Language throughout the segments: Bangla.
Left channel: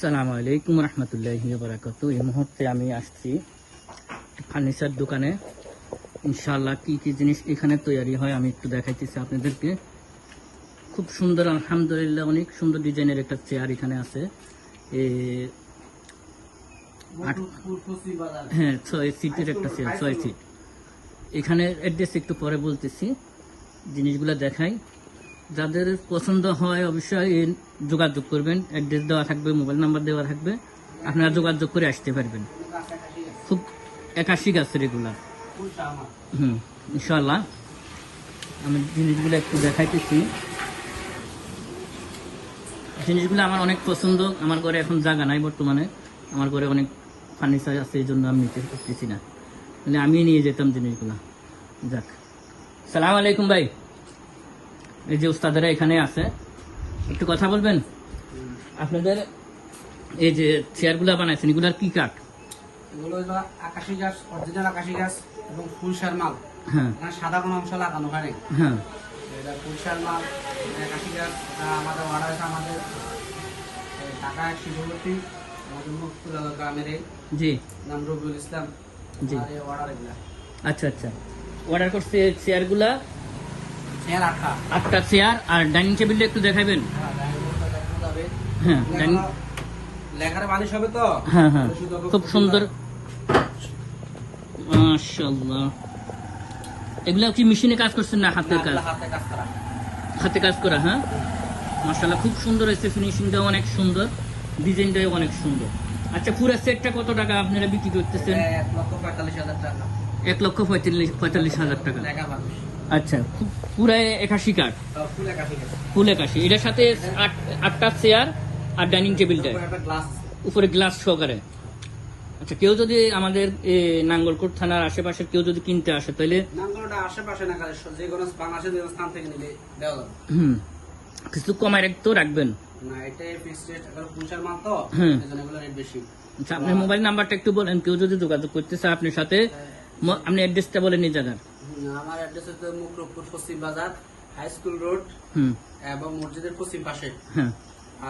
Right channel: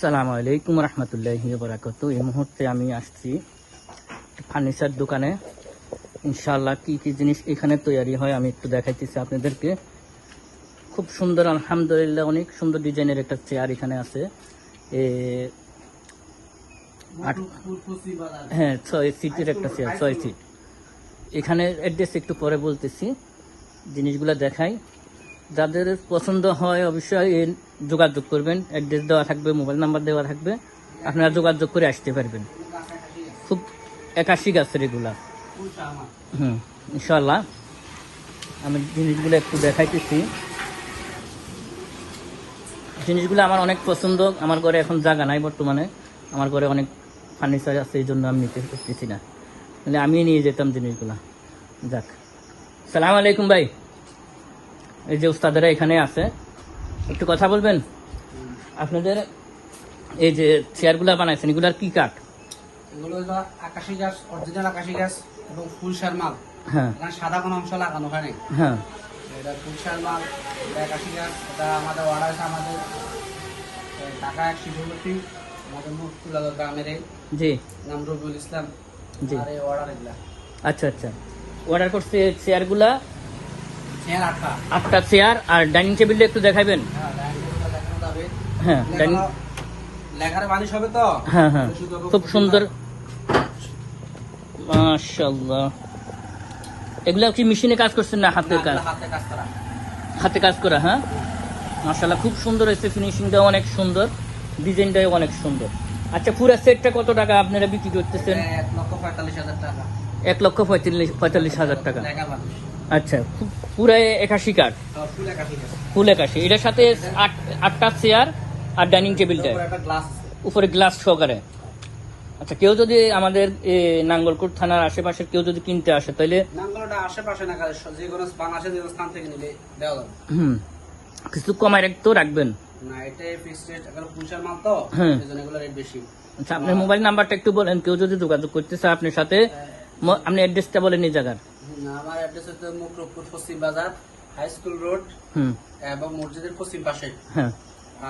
আসসালামু আলাইকুম রহমতুল্লাহ বরাকত এই মুহূর্তে আমি আসছি ফার্নিচার দোকানে। ইনশাল্লাহ কি কি জিনিস এখানে তৈরি হয় আমি একটু দেখাইতেছি আপনাদেরকে। খুব সুন্দর, আলহামদুলিল্লাহ, অনেক সুন্দর ডিজাইনের একটা চেয়ার এখানে আছে। হ্যাঁ ছয় সিটের একটা চেয়ার, ছয় সিট এখানে অ্যাড্রেস একটু পরে বলতেছি, জিনিসগুলো দেখাই। যাদের পছন্দ হয় অবশ্যই যোগাযোগ করবেন। অ্যাড্রেস দেওয়া থাকবে, মোবাইল নাম্বার দেওয়া থাকবে। আপনারা যোগাযোগ করে আসতে পারবেন। খুব একাশি গাছের এগুলা হুম ইনশাল্লাহ আমি জিনিসগুলো একটু দেখাইতেছি। জিনিসগুলো আমার অনেক পছন্দ। আমার ঘরে এখন জায়গা নাই বর্তমানে। আমার ঘরে অনেক ফার্নিচার আছে, এই জন্য আমি নিতে পারতেছি না। মানে আমি নিয়ে যেতাম জিনিসগুলো। যাক। সালাম আলাইকুম ভাই। এই যে উস্তাদেরা এখানে আছে একটু কথা বলবেন? আপনাদের এই যে চেয়ারগুলো বানাইছেন এগুলার কি কাঠ? এগুলো হলো আকাশি গাছ অরিজিনাল আকাশি গাছ এবং ফুলসার মাল। হ্যাঁ। সাদা কোনো অংশ লাগানো নাই। হ্যাঁ। এটা ফুলসার মাল এটা আকাশি গাছ এটা আমাদের অর্ডার আছে আমাদের ঢাকা এক আমাদের গ্রামের এই জি। নাম রবিউল ইসলাম জি। আর এই অর্ডার এগুলা। আচ্ছা আচ্ছা। অর্ডার করছে চেয়ারগুলা চেয়ার আটটা। চেয়ার আর ডাইনিং টেবিলটা একটু দেখাবেন? হ্যাঁ। হ্যাঁ ডাইনিং লেখানো- লেখার বালিশ হবে তো? হ্যাঁ হ্যাঁ। খুব সুন্দর। মাশাআল্লাহ। এগুলা কি মেশিনে কাজ করছেন না হাতের কাজ? হাতে কাজ করা। হাতে কাজ করা হ্যাঁ? মাশাআল্লাহ খুব সুন্দর হয়েছে ফিনিশিংটাও অনেক সুন্দর ডিজাইনটাও অনেক সুন্দর। আচ্ছা পুরো সেটটা কত টাকা আপনারা বিক্রি করতেছেন? এক লক্ষ পঁয়তাল্লিশ হাজার টাকা। এক লক্ষ পঁয়তাল্লিশ পঁয়তাল্লিশ হাজার টাকা। আচ্ছা পুরো একাশি কাঠ? ফুল একাশি এটার সাথে আট- আটটা চেয়ার আর ডাইনিং টেবিলটা। উপরে গ্লাস সহকারে। আচ্ছা কেউ যদি আমাদের নাঙ্গলকোট থানার আশেপাশে কেউ যদি কিনতে আসে তাহলে আশেপাশে না যে কোনো বাংলাদেশের যে স্থান থেকে নিলে দেওয়া যাবে। হুম। কিছু কমায় একটু রাখবেন। না এটাই ফিক্স রেট এগুলো ফুলসার মাল তো হুম। এগুলো রেট বেশি। আচ্ছা আপনার মোবাইল নাম্বারটা একটু বলেন কেউ যদি যোগাযোগ করতে চায় আপনার সাথে। ম- আপনি অ্যাড্রেসটা বলেন এই জায়গার। আমার অ্যাড্রেস হচ্ছে মুকরপুর পশ্চিম বাজার হাই স্কুল রোড হুম। এবং মসজিদের পশ্চিম পাশে। হ্যাঁ।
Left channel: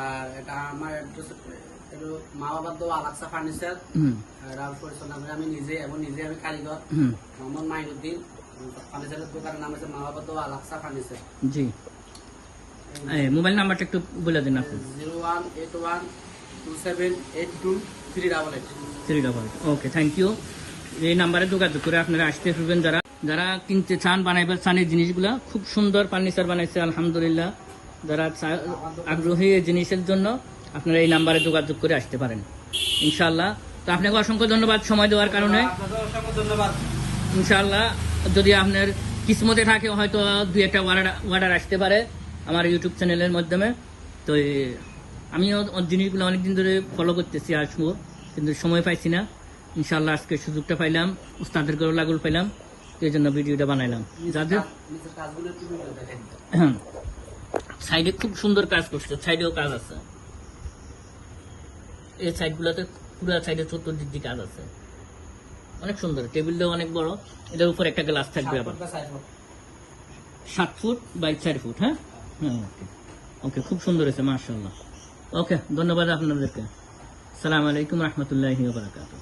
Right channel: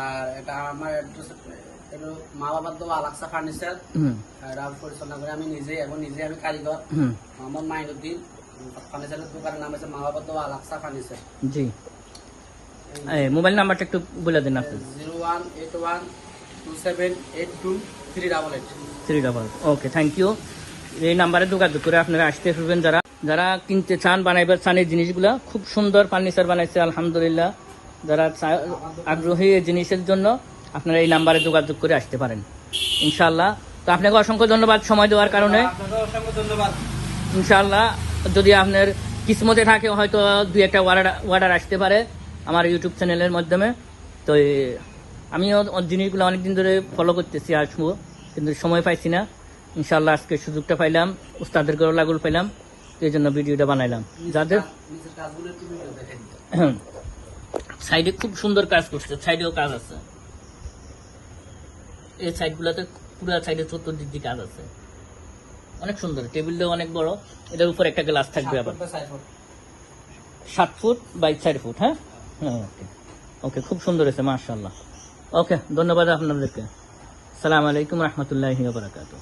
আর এটা আমার অ্যাড্রেস এটা মা বাবার দোয়া আলাক্সা ফার্নিচার হুম। এটা আমি পরিচালনা করি আমি নিজে এবং নিজে আমি কারিগর। মোহাম্মদ মাইনুদ্দিন ফার্নিচারের দোকানের নাম হচ্ছে মা বাবার আলাক্সা ফার্নিচার। জি। মোবাইল নাম্বারটা একটু বলে দিন আপনি। Zero one eight one two seven eight two three double eight. Three double eight. Okay thank you. এই নাম্বারে যোগাযোগ করে আপনারা আসতে পারবেন। যারা যারা কিনতে চান বানাইবার চান এই জিনিসগুলা খুব সুন্দর ফার্নিচার বানাইছে আলহামদুলিল্লাহ। যারা আগ্রহী এই জিনিসের জন্য আপনারা এই নাম্বারে যোগাযোগ করে আসতে পারেন। ইনশাআল্লাহ। তো আপনাকে অসংখ্য ধন্যবাদ সময় দেওয়ার কারণে। আপনাকেও অসংখ্য ধন্যবাদ। ইনশাআল্লাহ যদি আপনার কিসমতে থাকে হয়তো দুই একটা অর্ডার অর্ডার আসতে পারে আমার ইউটিউব চ্যানেলের মাধ্যমে। তো আমিও জিনিসগুলো অনেকদিন ধরে ফলো করতেছি আসব। কিন্তু সময় পাইছি না। ইনশাআল্লাহ আজকে সুযোগটা পাইলাম উস্তাদের গরো লাগুল পাইলাম এই জন্য ভিডিওটা বানাইলাম। যাদের সাইডে খুব সুন্দর কাজ করছে সাইডেও কাজ আছে। এই সাইডগুলোতে পুরো সাইডে চতুর্দিক দিয়ে কাজ আছে। অনেক সুন্দর টেবিলটা অনেক বড় এটার উপর একটা গ্লাস থাকবে আবার। সাত ফুট বাই চার ফুট হ্যাঁ? হ্যাঁ ওকে। ওকে খুব সুন্দর হয়েছে মার্শাল্লাহ ওকে ধন্যবাদ আপনাদেরকে। সালাম আলাইকুম রহমতুল্লাহ বারাকাতু